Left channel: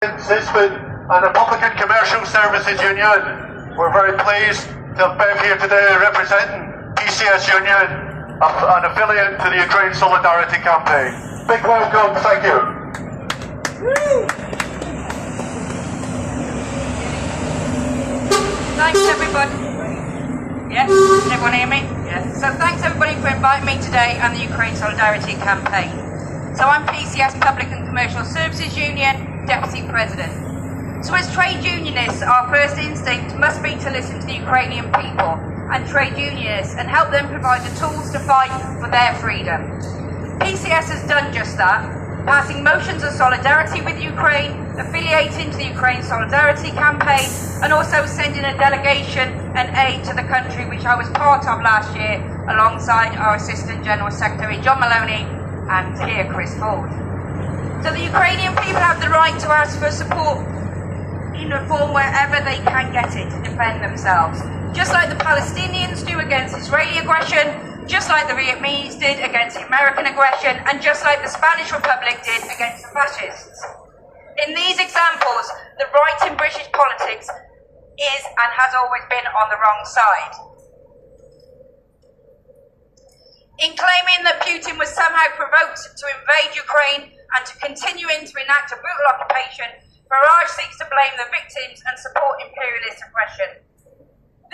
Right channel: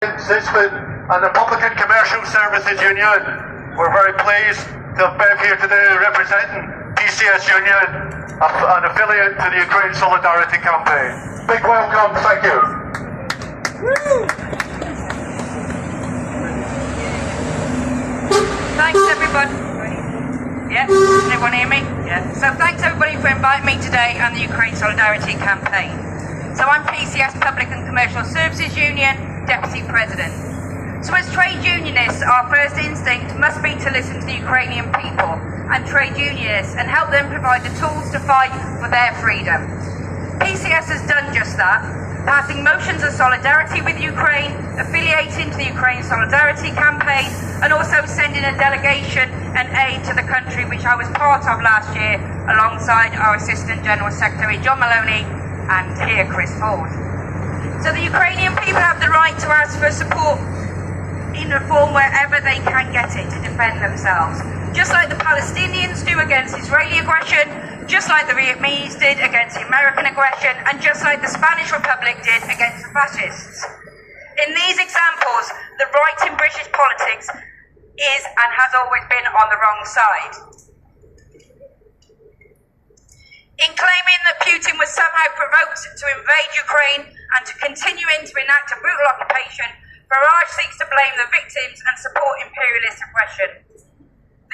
Sisford and the Public and Commercial Services Union. We're very pleased to have Bev here today representing PCS Union, an affiliate to the Ukraine Solidarity Campaign. Big welcome, thank you. Thanks everybody. Yeah, everyone hear me? Yeah. So thanks everybody for inviting me today on the Ukraine Solidarity Campaign. So I'm PCS Public and Commercial Services Union Deputy President. So as trade unionists, our first instinct must be to listen to the Ukrainian people and trade unionists and help them provide the tools to fight for their freedom. PCS has done just that, passing motions of solidarity with Ukraine, affiliating to the Ukraine Solidarity Campaign, and also sending a delegation and aid to the country, which I was part of last year alongside our Assistant General Secretary John Maloney and here Chris Ford. So the Ukrainian people have the right to ask for support in reform wherever they can get it to defend themselves. Just like the Palestinians do against Israeli aggression, just like the Vietnamese did against the American aggression, and just like the Spanish Republic did against the fascists. In these examples, the right in British politics is and has always been on the wrong side. In claiming that Putin was somehow provoked to invade Ukraine and to continuing to enact a brutal occupation, Farage seeks to blame the victims and support imperialist oppression.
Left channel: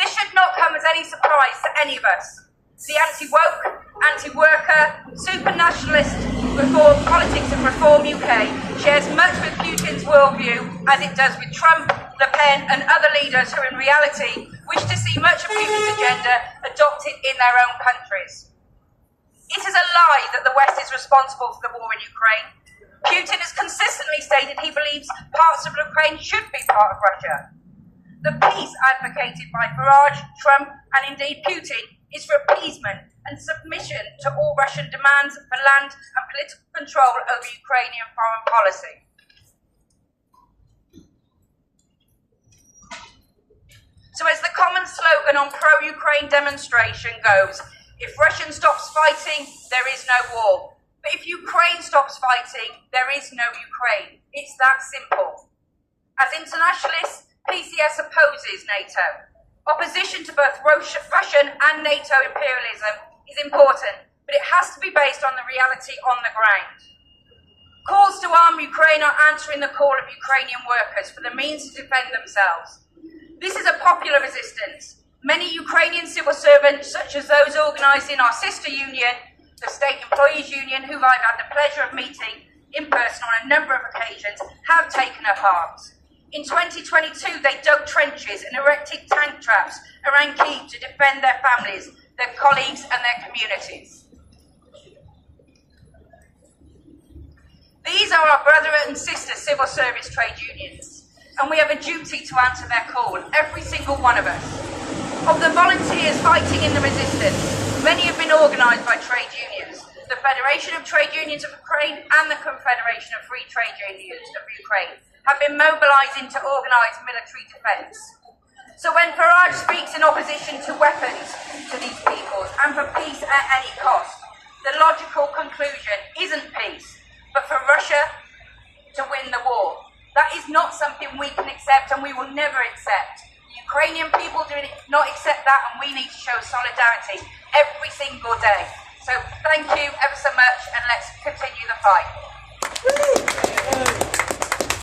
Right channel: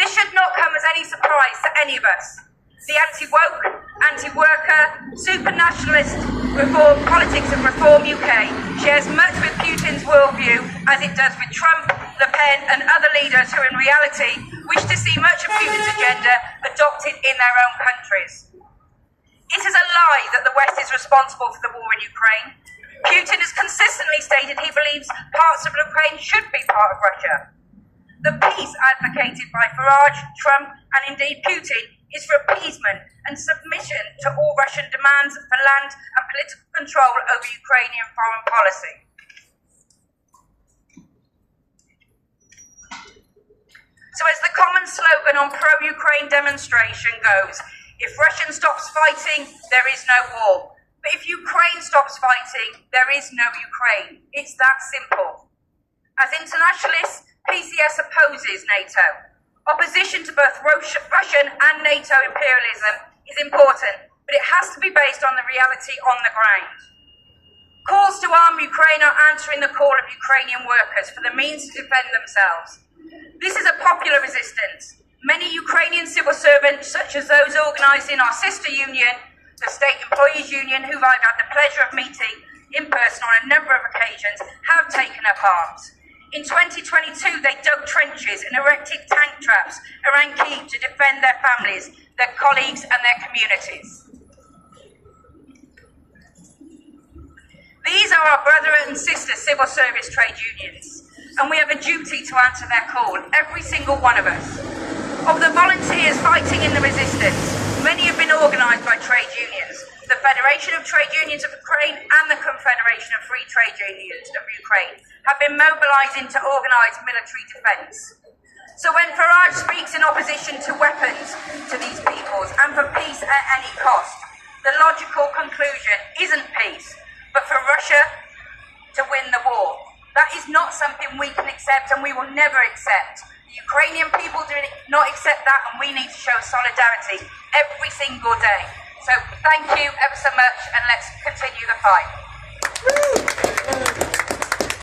This should not come as any surprise to any of us. The anti-woke, anti-worker, super-nationalist reform politics of Reform UK shares much with Putin's worldview as it does with Trump, Le Pen and other leaders who in reality wish to see much of Putin's agenda adopted in their own countries. It is a lie that the West is responsible for the war in Ukraine. Putin has consistently stated he believes parts of Ukraine should be part of Russia. The peace advocated by Farage, Trump and indeed Putin is for appeasement and submission to all Russian demands for land and political control over Ukrainian foreign policy. So as the common slogan on pro-Ukraine demonstration goes, if Russia stops fighting, there is no war. But if Ukraine stops fighting, there is no Ukraine. It's that simple. As internationalists, PCS opposes NATO. Opposition to both Russian and NATO imperialism is important, but it has to be based on the reality on the ground. Calls to arm Ukraine are answering the call of Ukrainian workers for the means to defend themselves. This is a popular resistance. Many Ukrainian civil servants, such as those organised in our sister union, the State Employees Union, who I've had the pleasure of meeting in person on a number of occasions, have taken up arms. In 2022, they dug trenches and erected tank traps around Kyiv to defend their families, their colleagues and their communities. These are our brother and sister civil service trade unions, and we have a duty to answer their call, every single one of us. Of the volunteers fighting in the resistance, many have been organised by trade unions, the Federation of Trade Unions of Ukraine and the Confederation of Free Trade Unions of Ukraine have been mobilising to organise military defence. So when Farage speaks in opposition to weapons to these peoples and for peace at any cost, the logical conclusion isn't peace, but for Russia to win the war. That is not something we can accept and we will never accept. The Ukrainian people do not accept that, and we need to show solidarity every single day. So thank you ever so much, and let's continue the fight.